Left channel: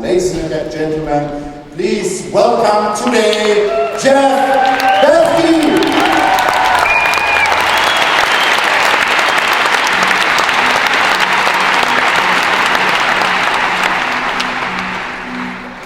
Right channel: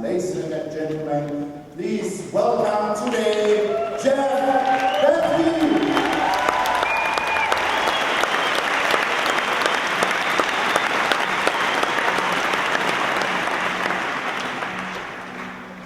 ladies and gentlemen, please welcome today Jeff Bethke.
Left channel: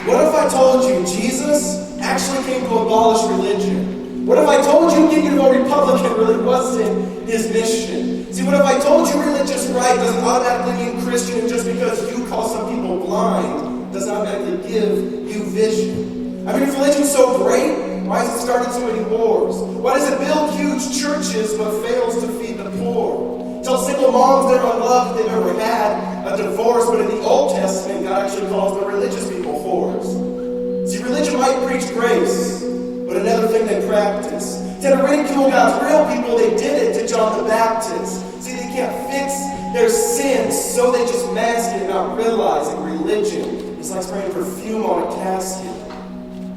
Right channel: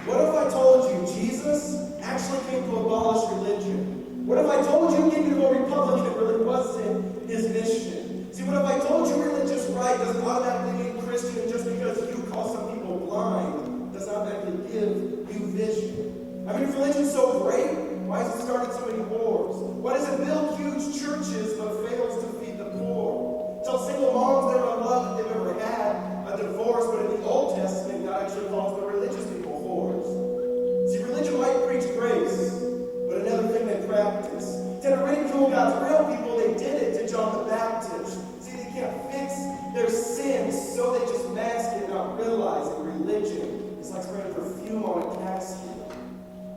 What if I told you Jesus actually came to abolish religion? What if I told you getting to a Republican really wasn't his mission? See, what if I told you religious right doesn't automatically mean Christian, and just because you call some people blind doesn't automatically give you vision? I mean, if religion's so great, why has it started so many wars? Why does it build huge churches but fails to feed the poor? Tell single moms they're unloved if they've ever had a divorce, but in the Old Testament, God actually calls the religious people whores. See, religion might preach grace, but another thing they practice. Instead of ridicule God's real people, they did it to John the Baptist. See, they can't fix their sins, so they just mask it, not realizing religion is like spraying perfume on a casket.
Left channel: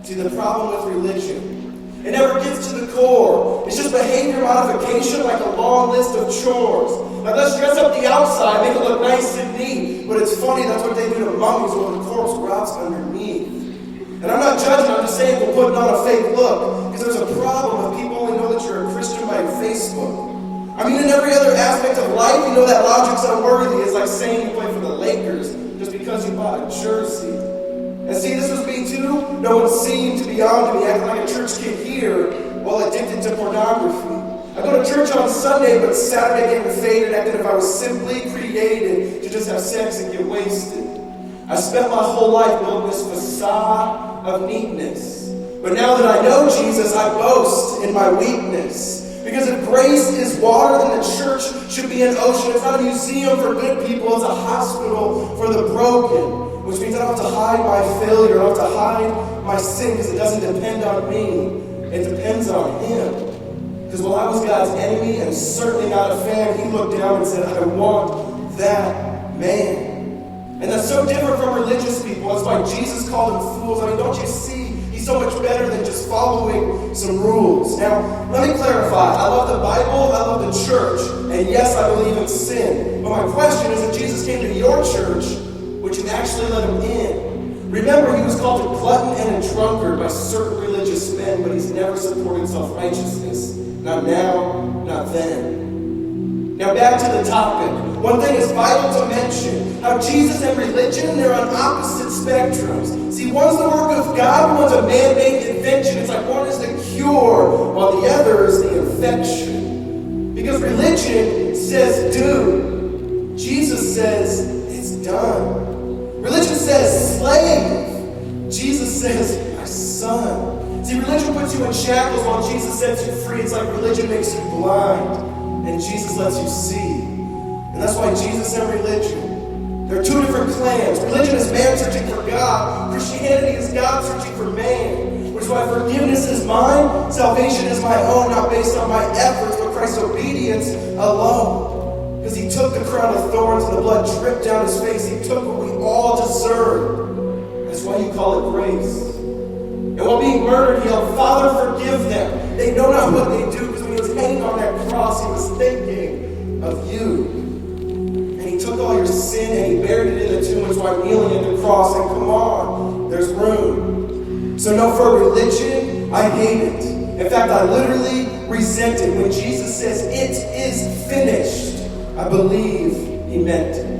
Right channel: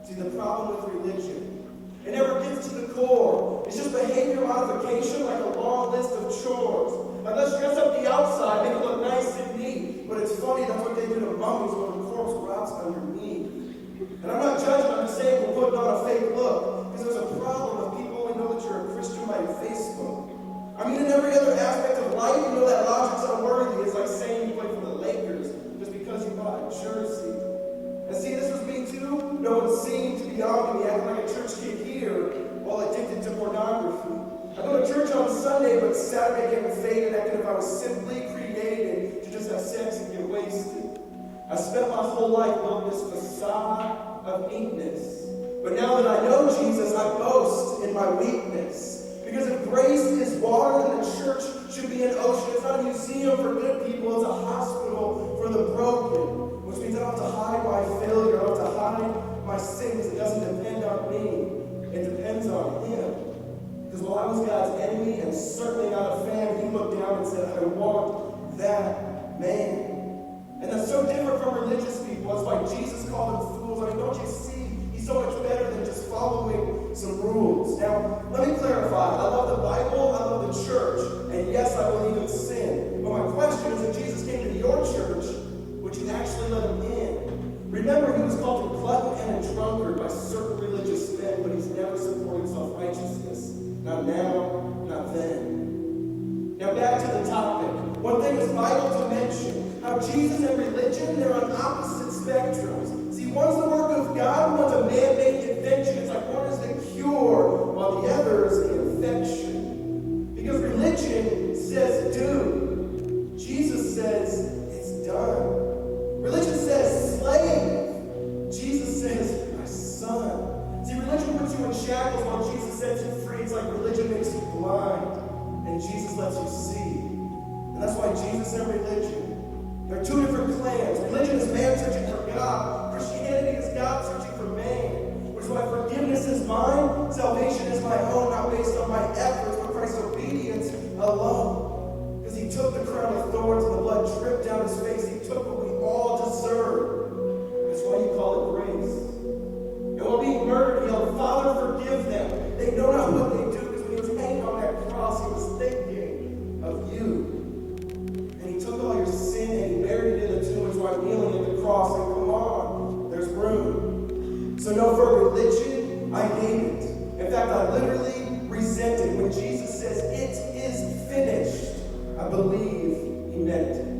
See, the problem with religion, it never gets to the core. It's just behavior modification, like a long list of chores. Like, let's dress up the outside, make it look nice and neat. But it's funny, that's what they do to mummies while the corpse rots underneath. And I'm not judging, I'm just saying we're putting on a fake look. Because there's a problem with people only know that you're a Christian by Facebook. I mean, in every other aspect of life, you know that logic's unworthy. It's like saying you play for the Lakers just because you bought a jersey. And see, this was me too. No one seemed to be on to me, acting like a church kid here while addicted to pornography. I go to church on Sunday, but Saturday getting faded, acting as if I was simply created to just have sex and get wasted. I spent my whole life building this facade of neatness. But now that I know Jesus, I boast in my weakness. Because if grace is water, then the church should be an ocean. It's not a museum for good people, it's a hospital for the broken. Which means I don't have to hide my failure, I don't have to hide my sin, because it doesn't depend on me. It depends on Him. Because while I was God's enemy and certainly not a fan, He looked down and said, I want that man. And that's so different from religious people. That's why Jesus called them fools. I mean, don't you see? He's so much better than just following some rules. Now, let me clarify. I love the Bible, I love the church, and yes, I believe in sin. But my question is, if Jesus came to your church, would you actually let Him in? Remember, He was called a glutton and a drunkard by certain religious men, but He's never supported self-righteousness. Not now, not then. Now back to the topic. One thing is vital to mention, how Jesus and religion, they're on opposite spectrums. See, one's the work of God, one's a man-made invention. It's like one is the cure, while the other is the infection. Because religion says do. Jesus says it's done. Religion says slave. Jesus says my son. See, religion puts you in shackles while Jesus sets you free. It's like religion makes you blind and Jesus lets you see. And that's why Jesus and religion, they're two different clans. Religion is man searching for God. Christianity is God searching for man. Which is why forgiveness is mine, salvation is my own, not based on my efforts, but Christ's obedience alone. Because He took the crown of thorns and the blood dripped down His face. He took what we all deserve. That's why you call it grace. And while being murdered, He yelled, Father, forgive them. They know not what they do, because when He was hanging on that cross, He was thinking of you. He took all your sin and He buried it in the tomb, which is why I'm kneeling at the cross. And come on, there's room. So no, for religion, I hate it. In fact, I literally resent it. When Jesus says, it is finished, I believe He meant it.